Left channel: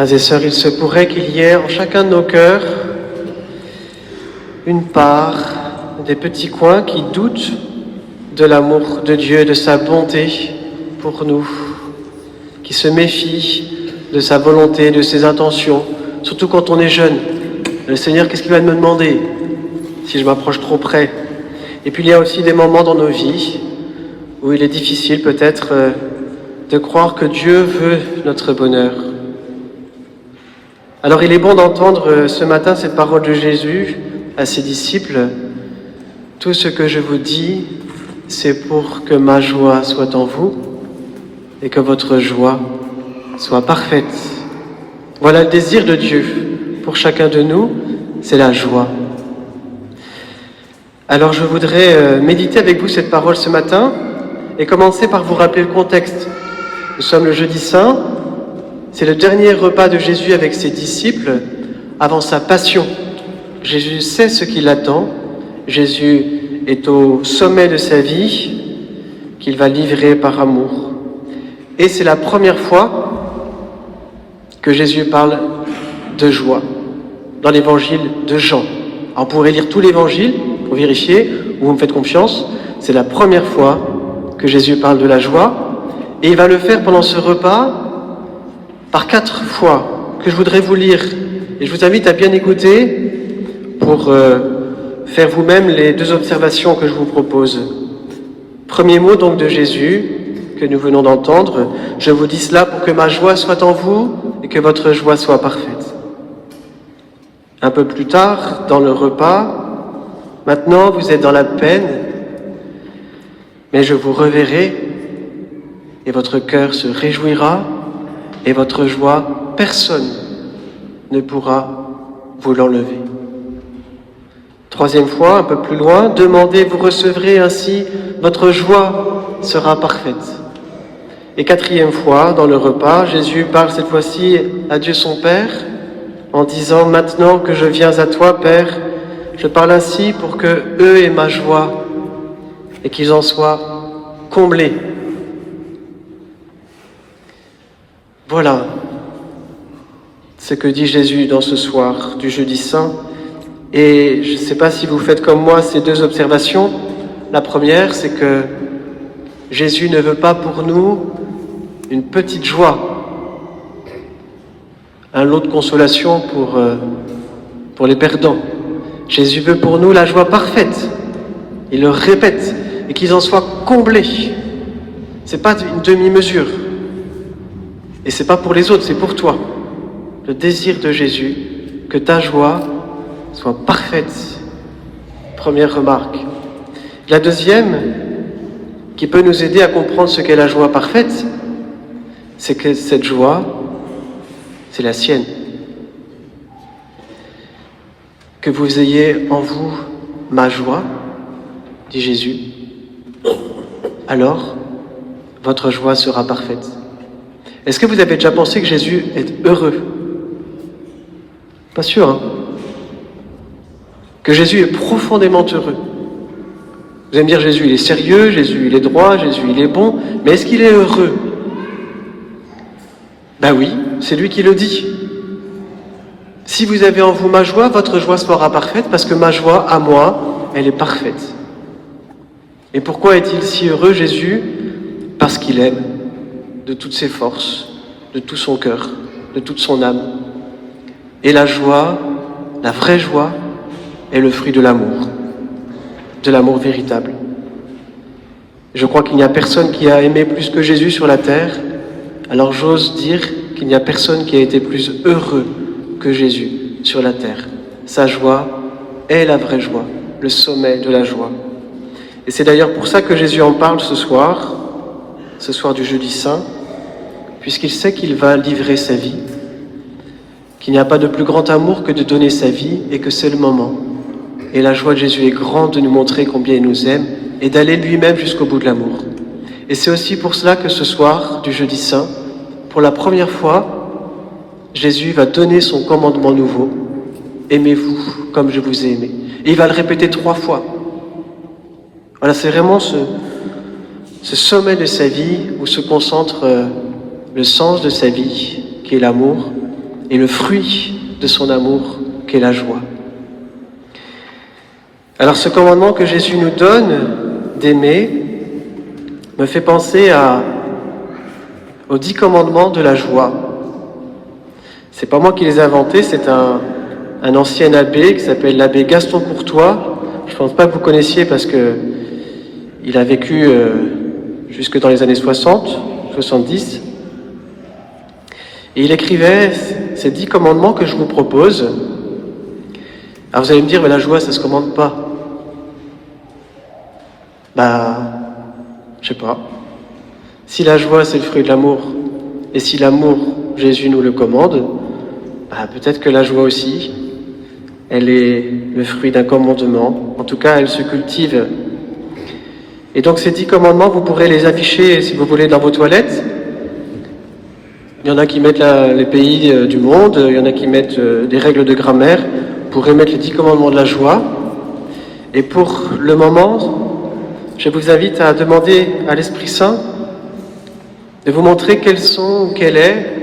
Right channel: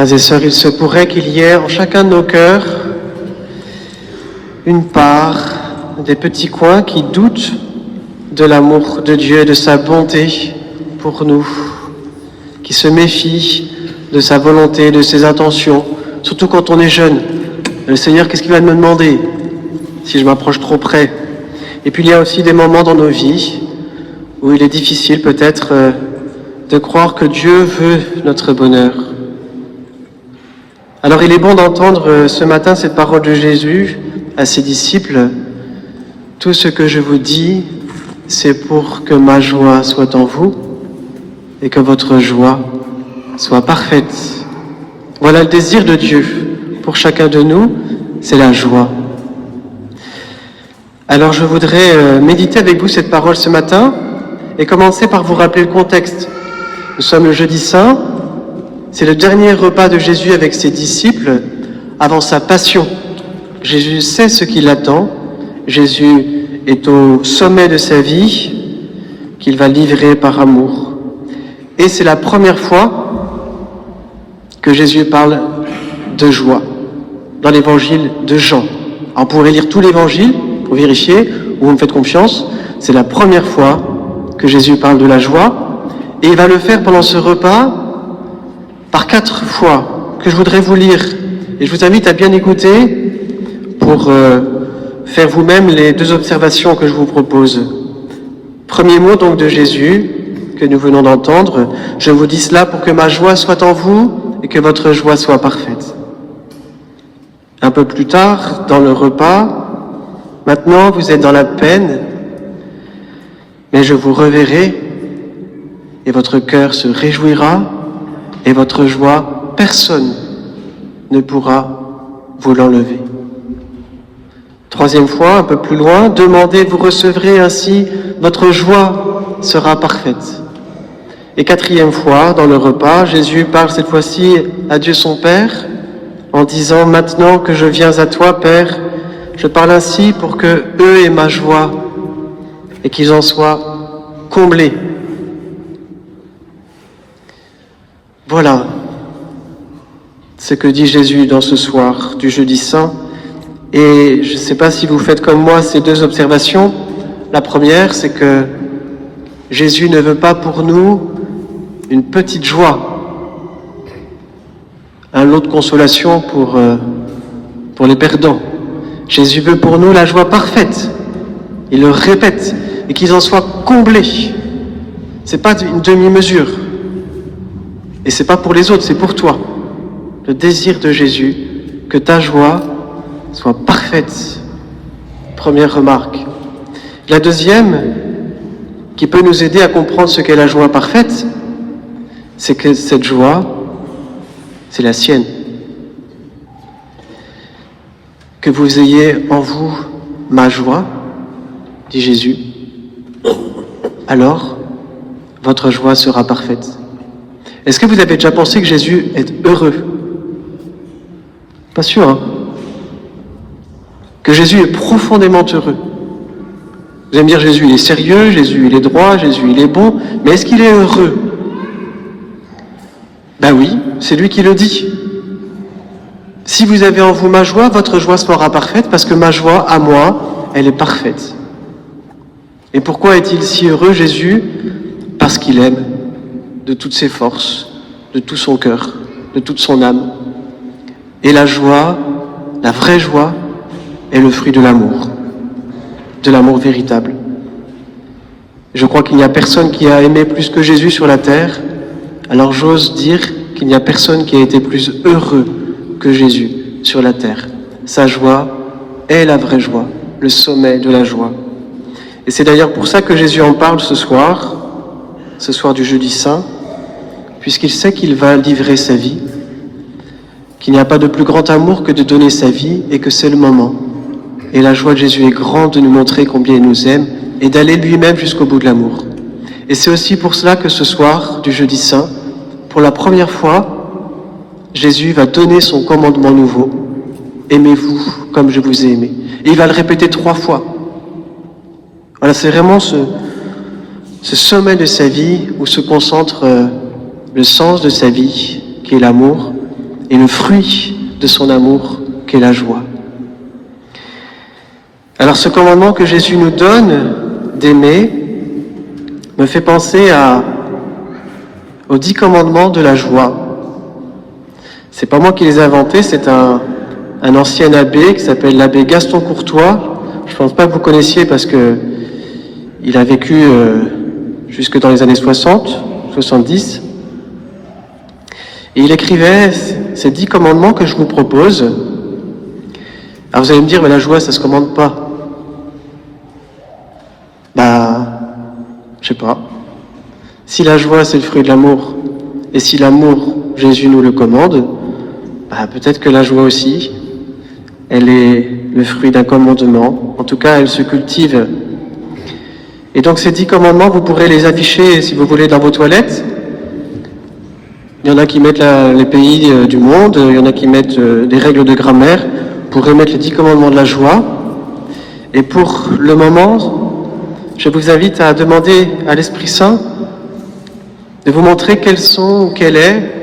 Frères et sœurs, il se pourrait qu'il y ait en chacun de nos cœurs une part, des petits coins qui doutent de l'amour de Dieu et de sa bonté pour nous, qui se méfient de sa volonté, de ses intentions, surtout quand on est jeune. Le Seigneur, qu'est-ce qu'il va me demander si je m'approche trop près? Et puis il y a aussi des moments dans nos vies où il est difficile peut-être de croire que Dieu veut notre bonheur. Alors il est bon d'entendre ce matin cette parole de Jésus à ses disciples. Tout ce que je vous dis, c'est pour que ma joie soit en vous et que votre joie soit parfaite. Voilà le désir de Dieu pour chacun de nous, c'est la joie. Alors je voudrais méditer avec vous cette parole ce matin et commencer par vous rappeler le contexte. Nous sommes le jeudi saint, c'est le dernier repas de Jésus avec ses disciples avant sa passion. Jésus sait ce qui l'attend, Jésus est au sommet de sa vie qu'il va livrer par amour. Et c'est la première fois que Jésus parle de joie dans l'évangile de Jean. Alors, on pourrait lire tout l'évangile pour vérifier, ou vous me faites confiance, c'est la première fois que Jésus parle de la joie, et il va le faire pendant ce repas par 4 fois que je voudrais vous lire. Et je vous invite à bien écouter pour faire vous-même les 2 observations que je vous propose. Premier mot donc de Jésus que nous venons d'entendre, je vous dis cela pour que ma joie soit en vous et que votre joie soit parfaite. Un peu plus tard, dans le repas, maintenant vous êtes dans la peine, mais je vous reverrai et votre cœur se réjouira et votre joie, personne ne pourra vous l'enlever. Troisième fois, un peu plus loin, demandez, vous recevrez, ainsi votre joie sera parfaite. Et 4e fois, dans le repas, Jésus parle cette fois-ci à Dieu son Père, en disant, maintenant que je viens à toi, Père, je parle ainsi pour que eux aient ma joie et qu'ils en soient comblés. Voilà ce que dit Jésus dans ce soir du jeudi saint. Et je ne sais pas si vous faites comme moi ces 2 observations. La première, c'est que Jésus ne veut pas pour nous une petite joie, un lot de consolation pour les perdants. Jésus veut pour nous la joie parfaite. Il le répète, et qu'ils en soient comblés. C'est pas une demi-mesure. Et c'est pas pour les autres, c'est pour toi. Le désir de Jésus, que ta joie soit parfaite. Première remarque. La deuxième, qui peut nous aider à comprendre ce qu'est la joie parfaite, c'est que cette joie, c'est la sienne. Que vous ayez en vous ma joie, dit Jésus, alors votre joie sera parfaite. Est-ce que vous avez déjà pensé que Jésus est heureux? Pas sûr, hein? Que Jésus est profondément heureux. Vous allez me dire, Jésus il est sérieux, Jésus il est droit, Jésus il est bon, mais est-ce qu'il est heureux? Ben oui, c'est lui qui le dit. Si vous avez en vous ma joie, votre joie sera parfaite, parce que ma joie, à moi, elle est parfaite. Et pourquoi est-il si heureux, Jésus? Parce qu'il aime de toutes ses forces, de tout son cœur, de toute son âme. Et la joie, la vraie joie, est le fruit de l'amour véritable. Je crois qu'il n'y a personne qui a aimé plus que Jésus sur la terre, alors j'ose dire qu'il n'y a personne qui a été plus heureux que Jésus sur la terre. Sa joie est la vraie joie, le sommet de la joie. Et c'est d'ailleurs pour ça que Jésus en parle ce soir du jeudi saint, puisqu'il sait qu'il va livrer sa vie, qu'il n'y a pas de plus grand amour que de donner sa vie et que c'est le moment. Et la joie de Jésus est grande de nous montrer combien il nous aime et d'aller lui-même jusqu'au bout de l'amour. Et c'est aussi pour cela que ce soir du jeudi saint, pour la première fois, Jésus va donner son commandement nouveau. Aimez-vous comme je vous ai aimé. Et il va le répéter 3 fois. Alors c'est vraiment ce sommet de sa vie où se concentre le sens de sa vie, qui est l'amour, et le fruit de son amour qu'est la joie. Alors ce commandement que Jésus nous donne d'aimer me fait penser aux 10 commandements de la joie. C'est pas moi qui les ai inventés, c'est un ancien abbé qui s'appelle l'abbé Gaston Courtois. Je pense pas que vous connaissiez parce que il a vécu jusque dans les années 60, 70. Et il écrivait ces 10 commandements que je vous propose. Alors vous allez me dire, mais la joie, ça se commande pas. Je sais pas. Si la joie, c'est le fruit de l'amour, et si l'amour, Jésus nous le commande, peut-être que la joie aussi, elle est le fruit d'un commandement. En tout cas, elle se cultive. Et donc ces 10 commandements, vous pourrez les afficher, si vous voulez, dans vos toilettes. Il y en a qui mettent les pays du monde, il y en a qui mettent des règles de grammaire. Vous pourrez mettre les 10 commandements de la joie. Et pour le moment, je vous invite à demander à l'Esprit Saint de vous montrer quel est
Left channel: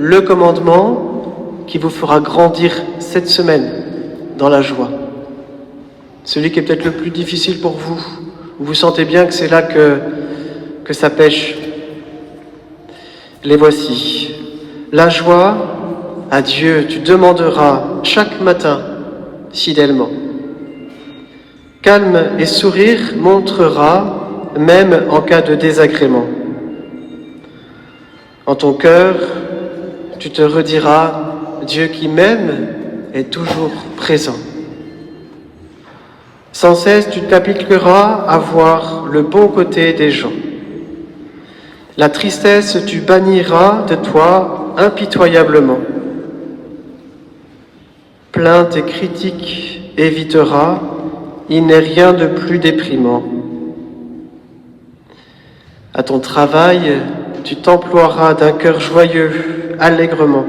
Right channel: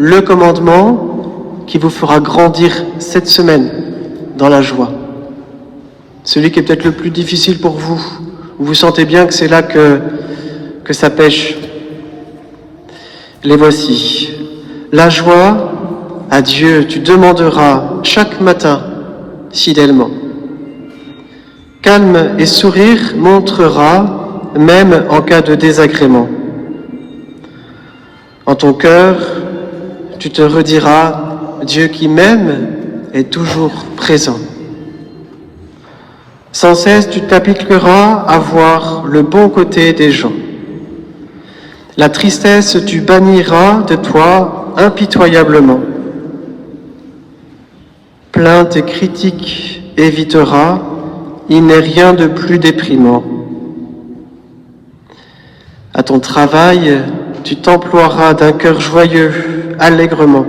le commandement qui vous fera grandir cette semaine dans la joie. Celui qui est peut-être le plus difficile pour vous, où vous sentez bien que c'est là que ça pêche. Les voici. La joie, à Dieu, tu demanderas chaque matin fidèlement. Calme et sourire montrera, même en cas de désagrément. En ton cœur, tu te rediras, Dieu qui m'aime est toujours présent. Sans cesse, tu t'appliqueras à voir le bon côté des gens. La tristesse, tu banniras de toi impitoyablement. Plainte et critique éviteras, il n'est rien de plus déprimant. À ton travail, tu t'emploieras d'un cœur joyeux, allègrement.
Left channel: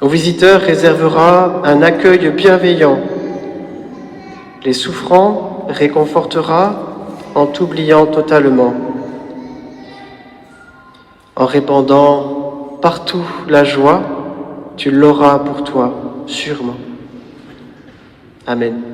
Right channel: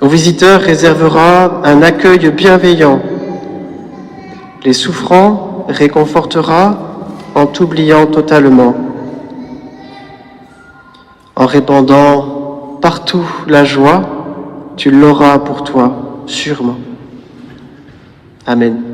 Aux visiteurs réserveras un accueil bienveillant. Les souffrants réconforteras en t'oubliant totalement. En répandant partout la joie, tu l'auras pour toi, sûrement. Amen.